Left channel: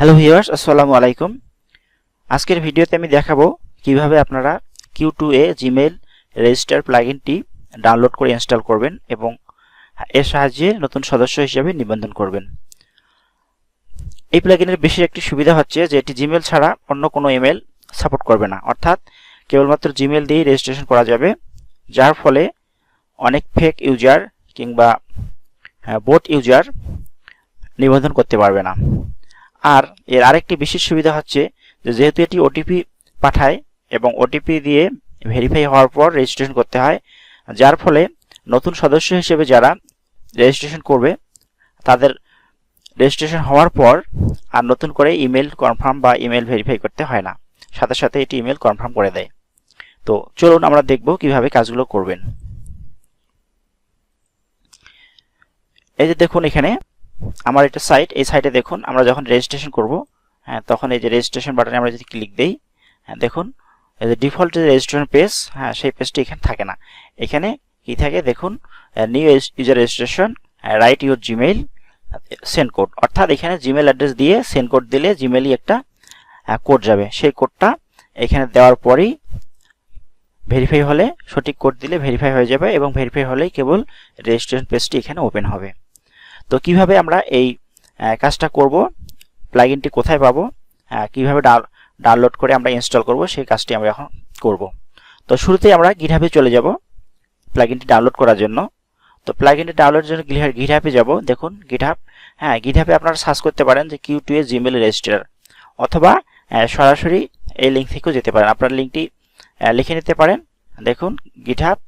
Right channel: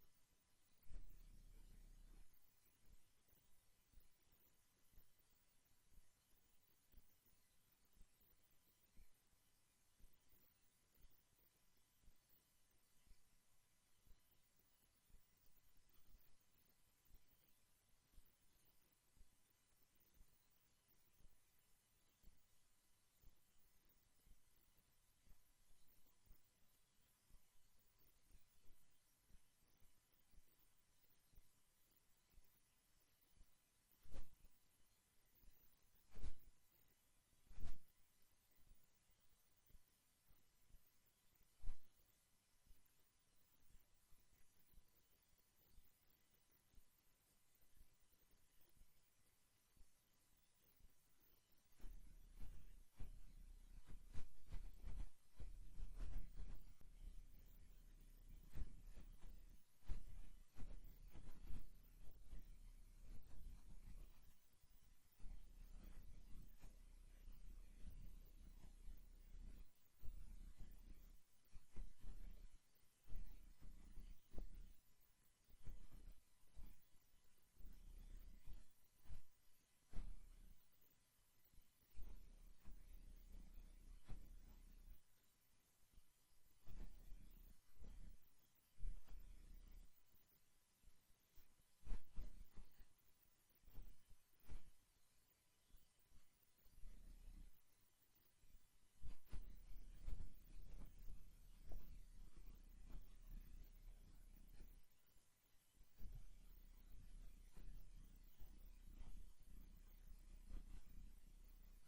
Hello viewers আসসালামু আলাইকুম। আজকের ভিডিওতে আমি দেখাবো কীভাবে আপনারা Q two A Gmail register প্লাগইনটি download করে ইনস্টল করবেন এবং এর সাহায্যে নতুন সদস্য হিসেবে নিবন্ধন করবেন। এই প্লাগইনের বেশি একটি সুবিধা হচ্ছে যে এটি জিমেল ছাড়া অন্য কোনো ইমেল সাপোর্ট করবে না। অর্থাৎ কেবলমাত্র জিমেল দিয়েই রেজিস্ট্রেশন করা যাবে, যার ফলে অনেক ফেক ইউজার কিংবা বোট ইউজার নিবন্ধন করতে পারবে না। আর এর আরেকটি বিশেষ সুবিধা হচ্ছে যে যেহেতু এটি ওটিপি পাঠায় এবং ওটিপি দিয়ে ভেরিফাই হওয়ার পর রেজিস্ট্রেশন করতে হয়, যার ফলে নতুন সদস্য হিসেবে যারা রেজিস্ট্রেশন করবে, তাদের রেজিস্ট্রেশন হওয়ার পর আর নতুন করে ইমেল কনফার্ম বা ইমেল ভেরিফাই করতে হয় না। সাথে সাথে এটি ইমেল কনফার্ম করে দেয়। তো চলুন আমরা দেখব কীভাবে কাজগুলো করবেন। এই যে দেখুন এখানে আমার একটা সাইট এই সাইটে দেখুন আমরা যখন রেজিস্ট্রেশন করব হ্যাঁ তখন এই যে রেজিস্ট্রেশন বাটনে আমরা যদি ক্লিক দেই হ্যাঁ দেখুন, এই যে ডিফল্ট যে রেজিস্ট্রেশন পেজ হ্যাঁ সেই পেজটি এখানে থাকে না। এখানে কি থাকে? দেখুন new user registration write your Gmail send code অর্থাৎ এখানে জিমেল অ্যাড্রেস দিয়ে সেন্ড কোড দিলে জিমেলই একটা কোড যাবে। সেই কোডটা এখানে দেওয়ার পরেই ভেরিফাই হলে সঠিক কোড দিলে ভেরিফাই হয়ে যাবে এবং ভেরিফাই হলেই কেবল রেজিস্ট্রেশন পেজটি এখানে ওপেন হবে। তো কীভাবে আমরা এই কাজটা করব প্লাগইনটি কোথায় পাবো কীভাবে ডাউনলোড করে আমরা ইনস্টল করব, সেই কাজটি আমরা এখন করব। তো শুরুতেই আমরা গিটহাবে চলে যাব প্লাগইনটি ডাউনলোড করার জন্য। তো প্লাগইনটি ডাউনলোডের জন্য গিটহাবে যাব, দেখুন গিটহাব হ্যাঁ গিটহাবে আপনারা সার্চ করতে পারেন যে Q two A Gmail register অথবা সরাসরি এই লিঙ্ক থেকেও যেতে পারেন। আপনার লিঙ্কটি লিখে নিতে পারেন, দেখুন গিটহাব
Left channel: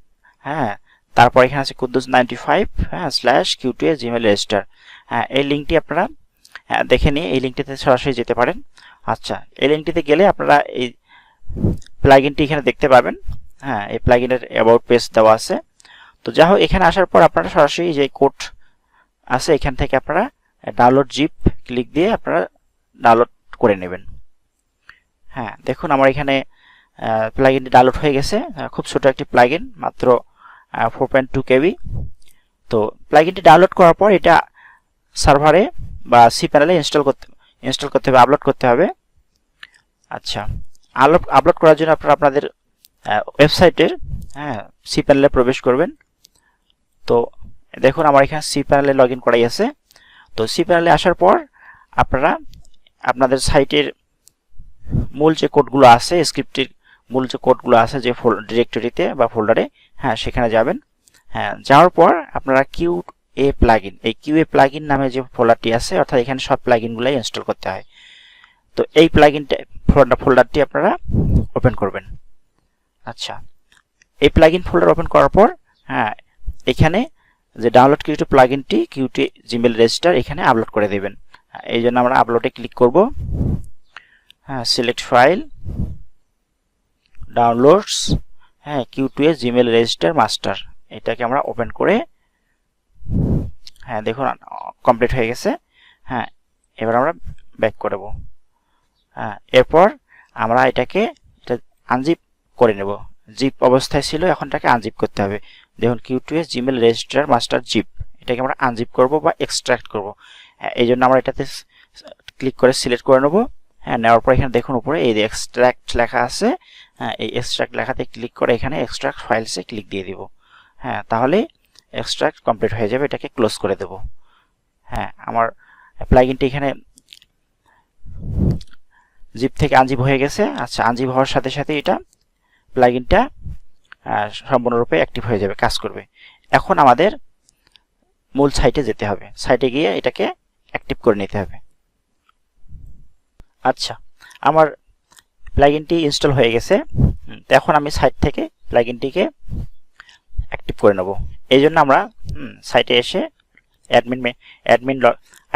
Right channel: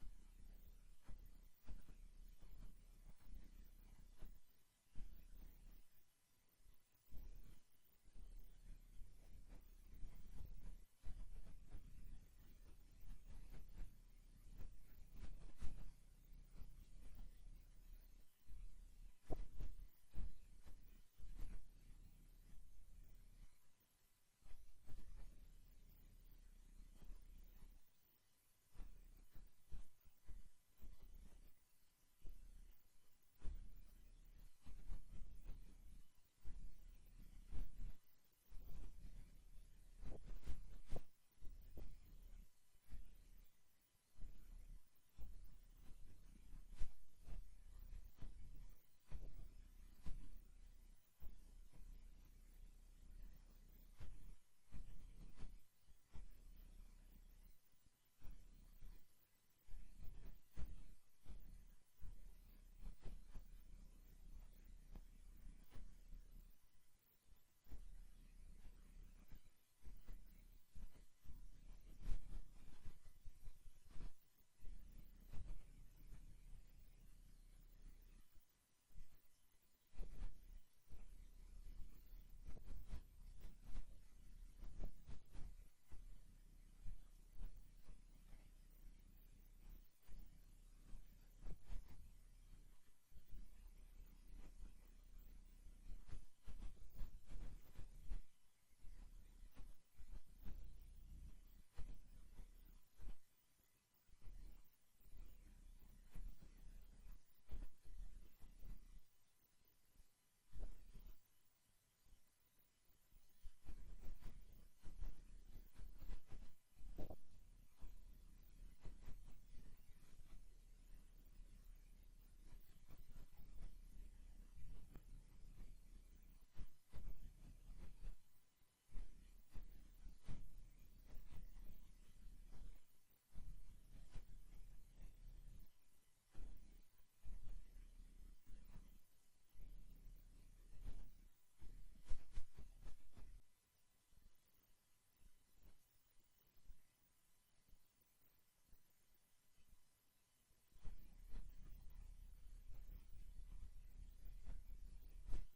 হ্যাঁ তারপর এখানে আছে কুদ্দুস নাইনটি ফাইভ হ্যাঁ slash Q A Gmail register হ্যাঁ এই লিঙ্কটি আপনারা দেখে নিয়ে এই লিঙ্কটিতে সরাসরি যেতে পারেন। আচ্ছা এই লিঙ্কটিতে গেলে আপনারা এই প্লাগইনটি এখানে দেখতে পাবেন। হ্যাঁ এই প্লাগইনের অ্যাবাউট পেজ দেওয়া আছে। তো যা হোক, এখানে আসার পর আপনারা সরাসরি যে কোড আছে, এখান থেকে আপনারা ডাউনলোড জিপ ক্লিক দিয়ে আপনারা ডাউনলোড করে নেবেন। হ্যাঁ দেখুন, আমার এখানে প্লাগইনটি ডাউনলোড হয়ে গেছে। খুব ছোট একটি প্লাগইন মাত্র ফোর পয়েন্ট টু কেবি তো প্লাগইনটি ডাউনলোড করার পর এটা সার্ভারে বা সি প্যানেলে ইনস্টল করতে ইনস্টল করতে হবে আপলোড করতে হবে। আচ্ছা আপলোড আপলোড করার জন্য আপনারা আপনাদের ওয়েবসাইটের হ্যাঁ সি প্যানেলে প্রবেশ করবেন। তো দেখুন আমার এখানে সি প্যানেলে লগ ইন করাই আছে। তো সি প্যানেলে আসার পর আপনারা আপনাদের সাইটের মূল যে কোডগুলো আছে স্ক্রিপ্টের মূল যে কোডগুলো আছে যে ডিরেক্টরিতে বা ফোল্ডারে হ্যাঁ সেখানে যাবেন। হ্যাঁ যাওয়ার পর আপনারা কিউ এ প্লাগইন এই কিউ এ প্লাগইন নামে যে ফোল্ডারটি আছে, অর্থাৎ এখানে সব প্লাগইনগুলাই ইনস্টল করতে হয়। তো এই প্লাগইনটা ফোল্ডারটি আপনারা ওপেন করবেন। আচ্ছা এই প্লাগইন ফোল্ডার ওপেন করার পর হ্যাঁ এখানে যে ডাউনলোড কিউ প্লাগইনটি কিউটি জিমেল রেজিস্টার এখানে আপলোড করে দেবেন। এই জন্য আমরা আপলোডে ক্লিক করব। হ্যাঁ সিলেক্ট ফাইল ডাউনলোডস হ্যাঁ Q two A Gmail register master এটাকে আমরা ওপেন করে হ্যাঁ দেখুন কমপ্লিট হয়ে গেছে হ্যাঁ এবার আমরা ব্যাক করব হ্যাঁ এরপর আমরা এটাকে, এটা আনজিপ করে নেব জিপ অবস্থায় ছিল, এখন এটাকে আনজিপ করতে হবে, দেখুন Q two S Gmail register master zip এটাকে আমরা আনজিপ করব বা এক্সট্রাক্ট করব হ্যাঁ এই জন্য আমরা এটাতে ক্লিক করে সিলেক্ট করে নেব হ্যাঁ নেওয়ার পর এখানে দেখুন উপরে এই এক্সট্রাক্ট লেখা আছে হ্যাঁ এই এক্সট্রাক্ট লেখাতে ক্লিক করে এখানে এক্সট্রাক্ট ফাইলসে ক্লিক দিয়ে দিব। হ্যাঁ তাহলে এক্সট্রাক্ট কমপ্লিট হয়ে যাবে, এটাকে ক্লোজ করে দেব। হ্যাঁ আমার প্লাগইনটি এখানে জিপ থেকে আনজিপ হয়ে গেছে। আচ্ছা আনজিপ হওয়ার সাথে সাথে এটা প্লাগইনটা সম্পূর্ণরূপে অ্যাক্টিভ হয়ে যাবে, কাজ করবে। এখন আমাদের মূল সাইটে যেতে হবে। সাইটে গিয়ে এটাকে অ্যাক্টিভ করে নিতে হবে। আচ্ছা আমার প্লাগইনটি ইনস্টল হয়ে গেছে। এখন আমি সাইট থেকে প্লাগইনটিকে অ্যাক্টিভ করে নেব। এই জন্য আমরা সাইটে এসে অ্যাডমিন অ্যাডমিন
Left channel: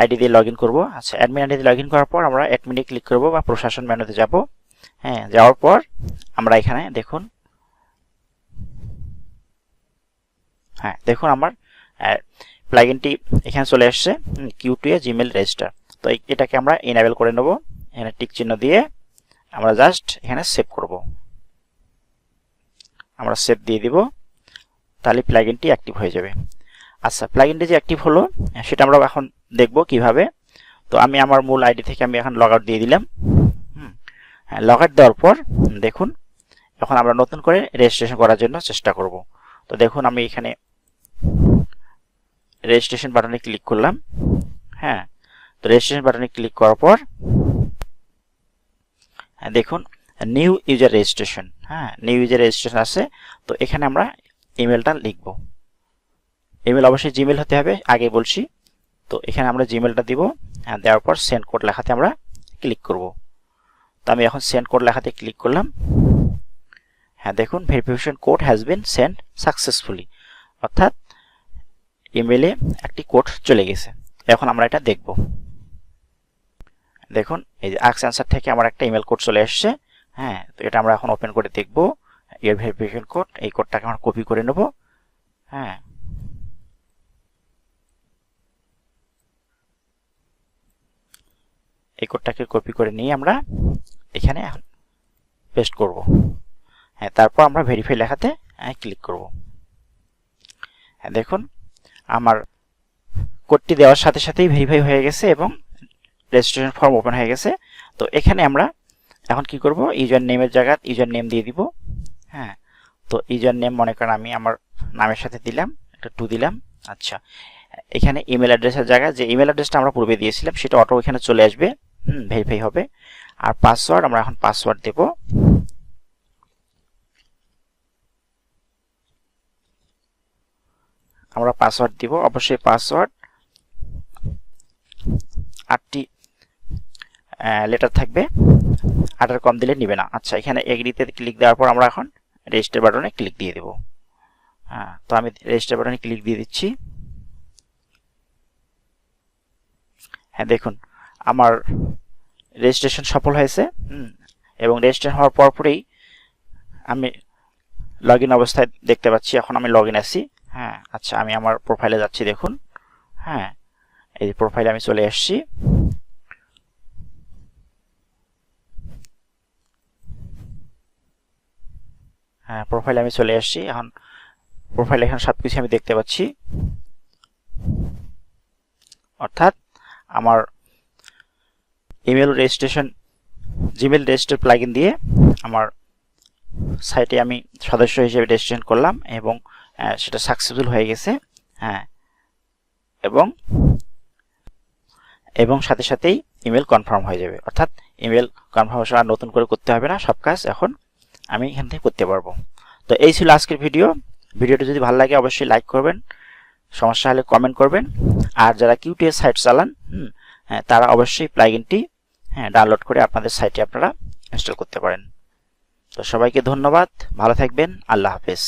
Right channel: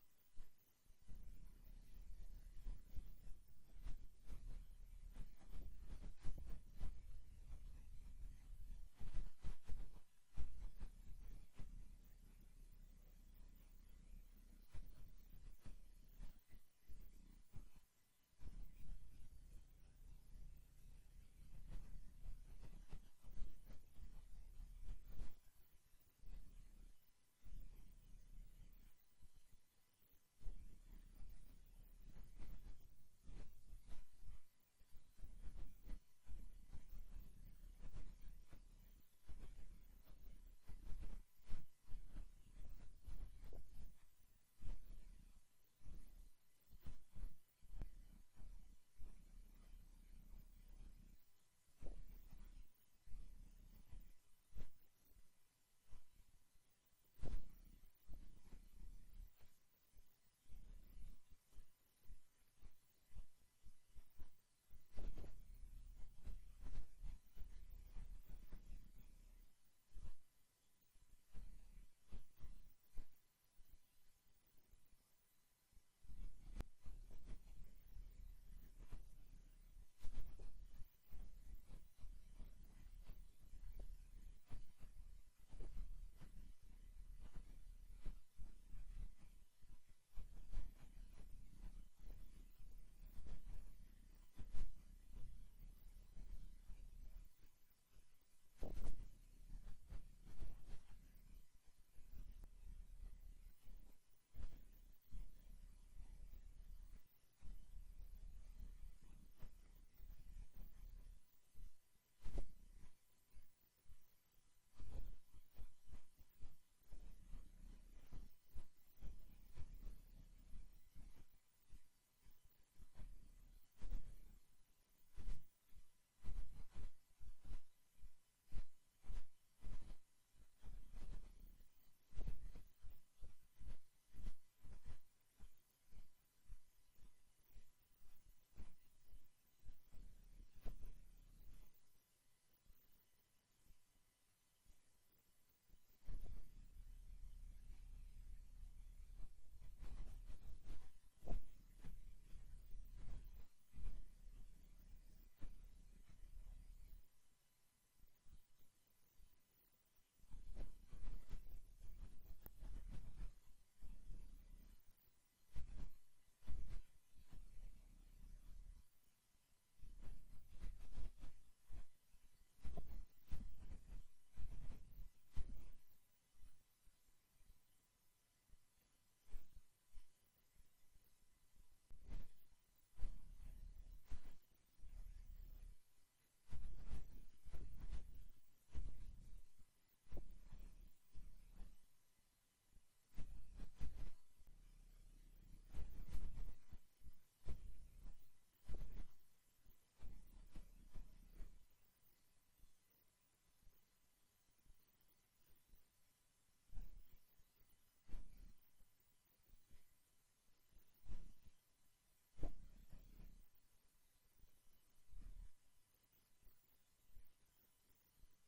আইডি দিয়ে লগ ইন করব। আচ্ছা অ্যাডমিন আইডি দিয়ে লগ ইন করার পর আমরা অ্যাডমিনে ক্লিক করব বা প্রশাসন মেনুতে যাব। হ্যাঁ যাওয়ার পর আমরা এখানে দেখুন হ্যাঁ দেখুন আমার প্লাগইনটি এখানে চলে আসছে Q two A Gmail register তো এটাকে আমরা ইনেবল করে নেব। এখানে টিক চিহ্ন দিয়ে আমরা জাস্ট এখানে সেভ করব। আমরা সেভ দিয়ে দিব, তাহলে প্লাগইনটি অ্যাক্টিভ হয়ে যাবে। আচ্ছা প্লাগইনটি যে অ্যাক্টিভ হলো, সেটা আমরা এখন দেখব কীভাবে। তো আমি আমার মূল আইডি থেকে আমি এখন লগ আউট দিয়ে দিলাম। হ্যাঁ লগ আউট দেওয়ার পর দেখুন, এখন আমরা নতুন করে রেজিস্ট্রেশন করার জন্য চেষ্টা করব। তো দেখুন, আমি এখানে রেজিস্ট্রেশন বাটনে ক্লিক করলাম। হ্যাঁ তো রেজিস্ট্রেশন বাটনে ক্লিক করার পর দেখুন নিউ ইউজার রেজিস্ট্রেশন হ্যাঁ নিউ ইউজার রেজিস্ট্রেশন আছে, তো এখানে আমরা ইমেলটা লিখব। ইমেল অবশ্যই জিমেল হতে হবে, আগে বলছি। তো এখানে আমরা জিমেলটা দিব হ্যাঁ দেওয়ার পর সেন্ড কোড লেখাতে আমরা ক্লিক করব। তো আমি এখন সেন্ড কোড লেখাতে ক্লিক করলাম। হ্যাঁ দেখুন verification code has been send successfully অর্থাৎ ইমেলে একটি কোড চলে গেছে। এখন আমরা এটা দেখব। দেখুন, এই যে আক্স অ্যান্সার থেকে আমার একটা ইমেল কোড চলে এসছে। হ্যাঁ তো এটা আমরা এখন ওপেন করে দেখব। এর ভেরিফিকেশন কোড এই কোডটাকে আমরা কপি করে নেব। হ্যাঁ। এই কোডটাকে কপি করে নিয়ে আমরা এখানে এখন পেস্ট করব। হ্যাঁ তারপর আমরা ভেরিফাই লেখাতে ক্লিক করব। হ্যাঁ দেখুন, আমার কোডটি দেওয়ার সাথে সাথেই ভেরিফাই হয়ে গেছে এবং রেজিস্ট্রেশন ফর্ম ওপেন হয়ে গেছে। তো এখানে আমরা এখন কি করব? ইউজার নেমের জায়গায় ইউজার নেম দিয়ে দিব। হ্যাঁ তো ইউজার নেম মনে করেন আমি আমার নামের সাথে দিলাম, একটা টু দিলাম। আচ্ছা এখানে ইমেল অ্যাড্রেসের জায়গায় যে ইমেল অ্যাড্রেসটা আমরা পূর্বে দিয়েছিলাম, সেটা অটো এখানে চলে আসবে। হুম ভেরিফাই হবে। আর পাসওয়ার্ড আমরা এখন পাসওয়ার্ড দেব। আমরা পাসওয়ার্ড দিব। অবশ্যই পাসওয়ার্ড আটটি লেটার থাকবে। আটার কম দিলে নিবে না। আচ্ছা এখানে এগ্রিতে ক্লিক দেওয়ার পর আমরা এখন রেজিস্টার বাটনে ক্লিক দিয়ে দেব। হ্যাঁ তো আমি রেজিস্টার বাটনে ক্লিক দিয়ে দিচ্ছি। হ্যাঁ দেখুন, আমার রেজিস্ট্রেশন সফল হয়েছে এবং রেজিস্ট্রেশন হওয়ার পরপরই আমি লগ ইন অবস্থায় দেখতে পাচ্ছি, এখন আমি লগ ইন আছি। হ্যাঁ আচ্ছা আমি আমার প্রোফাইলে যাচ্ছি, দেখুন। হ্যাঁ এই প্রোফাইলে আমি চলে আসছি হ্যাঁ প্রোফাইলে আমি চলে আসছি। এখন প্রোফাইলে এখানে সব কিছু আমি দেখতে পাচ্ছি। অর্থাৎ আমার email registration Gmail register plugin দিয়ে আমার সাইটে আমি সদস্য হিসেবে রেজিস্ট্রেশন করলাম এবং সেটা সাকসেসফুল হয়ে গেছে। হ্যাঁ। এবং এবং সাথে সাথেই ইমেল কনফার্ম হয়ে যাবে। অর্থাৎ ইমেল কনফার্মেশন আর নতুন করে করতে হবে না। সব কাজ এখন আমি এখান থেকে করতে পারব। তো এই ছিল আজকের ভিডিও ভিডিওটি যদি ভালো লাগে, অবশ্যই লাইক করবেন। সমস্যা হলে কমেন্ট করবেন। আর যারা কিউটিএস সাইট চালান হ্যাঁ তারা অবশ্যই প্লাগইনটি হ্যাঁ ডাউনলোড করে আপনাদের সাইটে আপনারা ইনস্টল করতে পারেন। তো সবাইকে ধন্যবাদ। ভালো থাকবেন। আল্লাহ হাফেজ।